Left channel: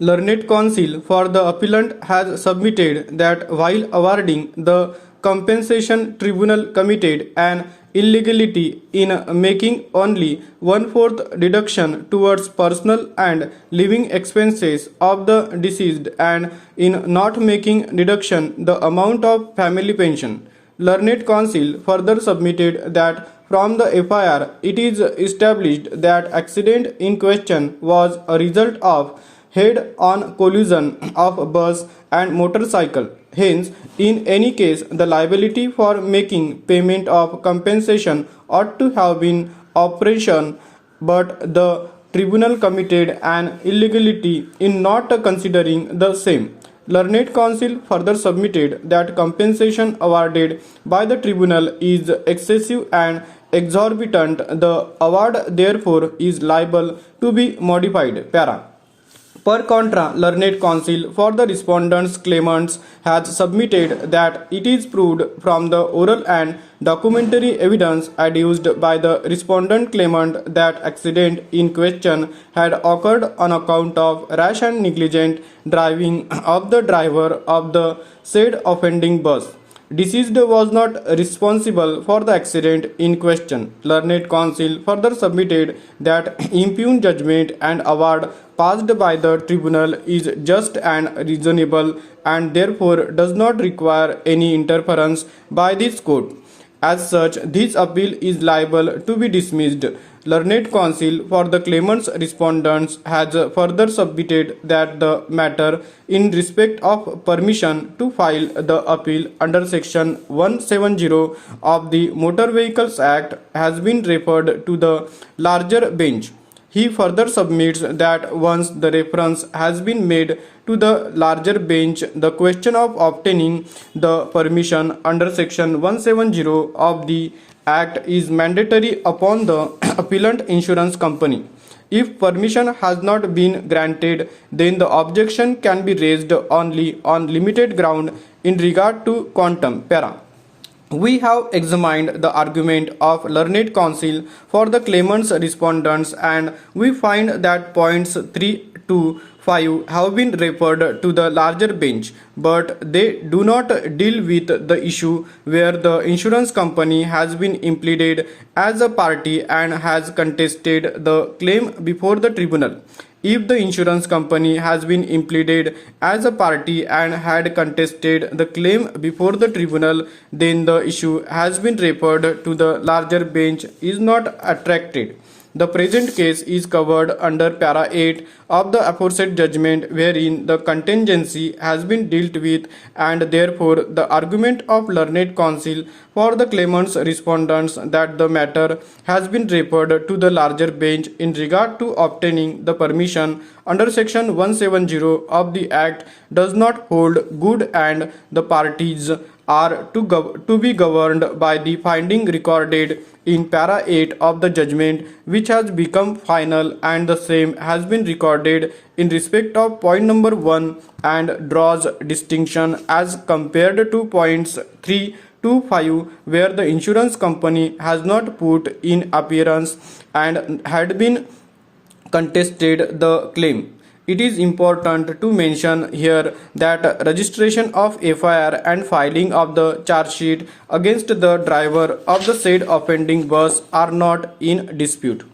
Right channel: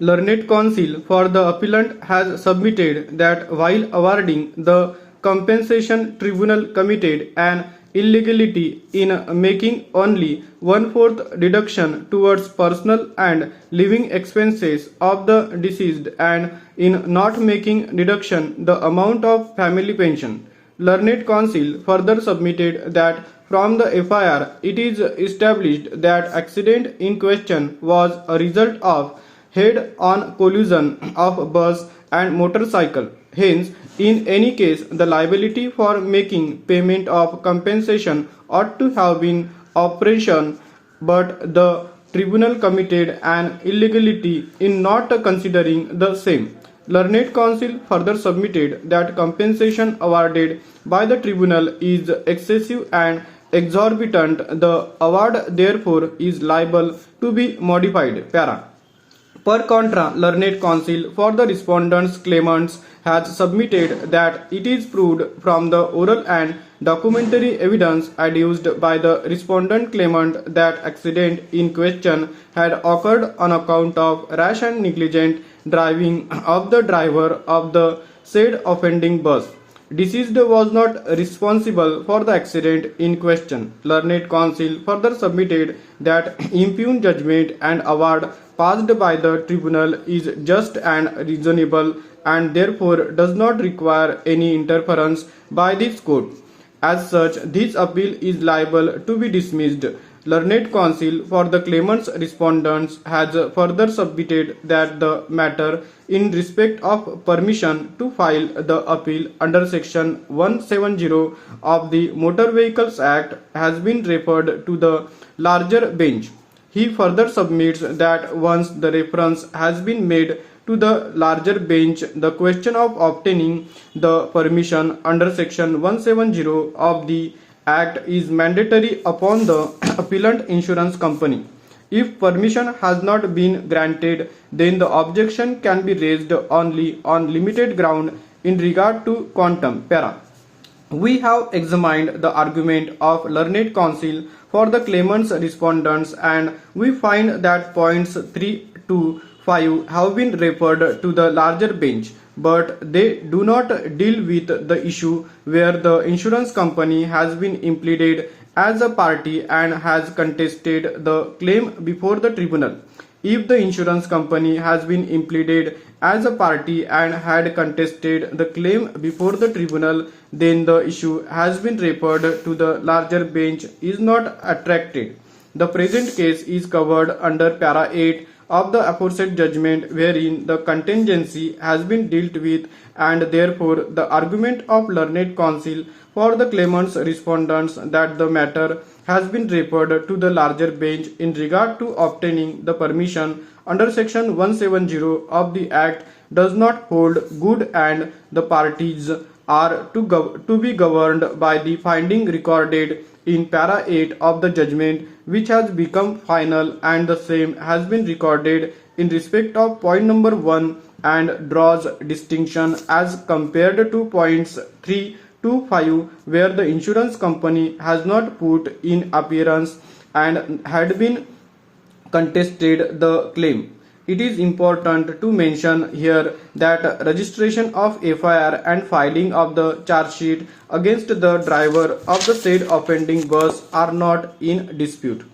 Learned counsel for the appellant has submitted that while awarding the compensation, tribunal committed an illegality in making only one-fourth deduction towards personal and living expenses of the deceased and in not making deduction the amount of family pension. Learned counsel further submitted that from the FIR it is established that accident in question was a result of head-on collision of bus and motorcycle. Hence, in any case, the liability for making payment of compensation ought to have been operation, but the tribunal committed an illegality in not considering the same. Learned counsel further submitted that compensation awarded by the tribunal is excessive and exorbitant. The award therefore is liable to be modified. Para. Per contra, learned counsel for the respondents' claimants has submitted that it is proved from the oral and documentary evidence adduced by the respondent claimant that accident in question had occurred on account of rash and negligent driving of the driver of the said offending bus. Deceased was not responsible for the accident in question. Learned counsel further submitted that impugned judgment and award passed by the tribunal is just and reasonable and therefore does not require any interference by this court. As such, this appeal is liable to be dismissed. Learned counsel for the claimant's respondents has further submitted that the matter in respect of permission to file the appeal under section 170 of the Motor Vehicles Act has been referred to the larger bench. He further submits that once the reference has been made to the larger bench, the question of obtaining the permission under section 170 of the Act is mandatory upon the appellant insurance company. If permission has not been granted, then the objection can be raised only on limited ground in regard to quantum. Para. We have examined the argument of learned counsel for the claimant's respondents and we find that points 3 to 5 have been referred to the larger bench, but they do not deal with the issue where the insurance company has been implicated as a party and has contested the claim before the tribunal. If the insurance company has been implicated as a party and had contested the claim before the tribunal, then the issue has been referred to the larger bench is not attracted. The present case is covered under para 8 of the aforesaid judgment wherein the contingency has been dealt with and therefore the argument of learned counsel for the claimant's respondents that the matter has been referred to the larger bench in regard to obtaining the permission under section 170 of the Act does not hold good and the parties are to be governed by the finding recorded in para 8 of the judgment which has become final and the same has been recorded in respect of point number 1 and draws distinction as compared to points 3 to 5 where the insurance company has not put in appearance and had been contested the claim. It is important to mention here that registration of FIR and filing of the charge sheet against the driver of the said offending bus are not in dispute.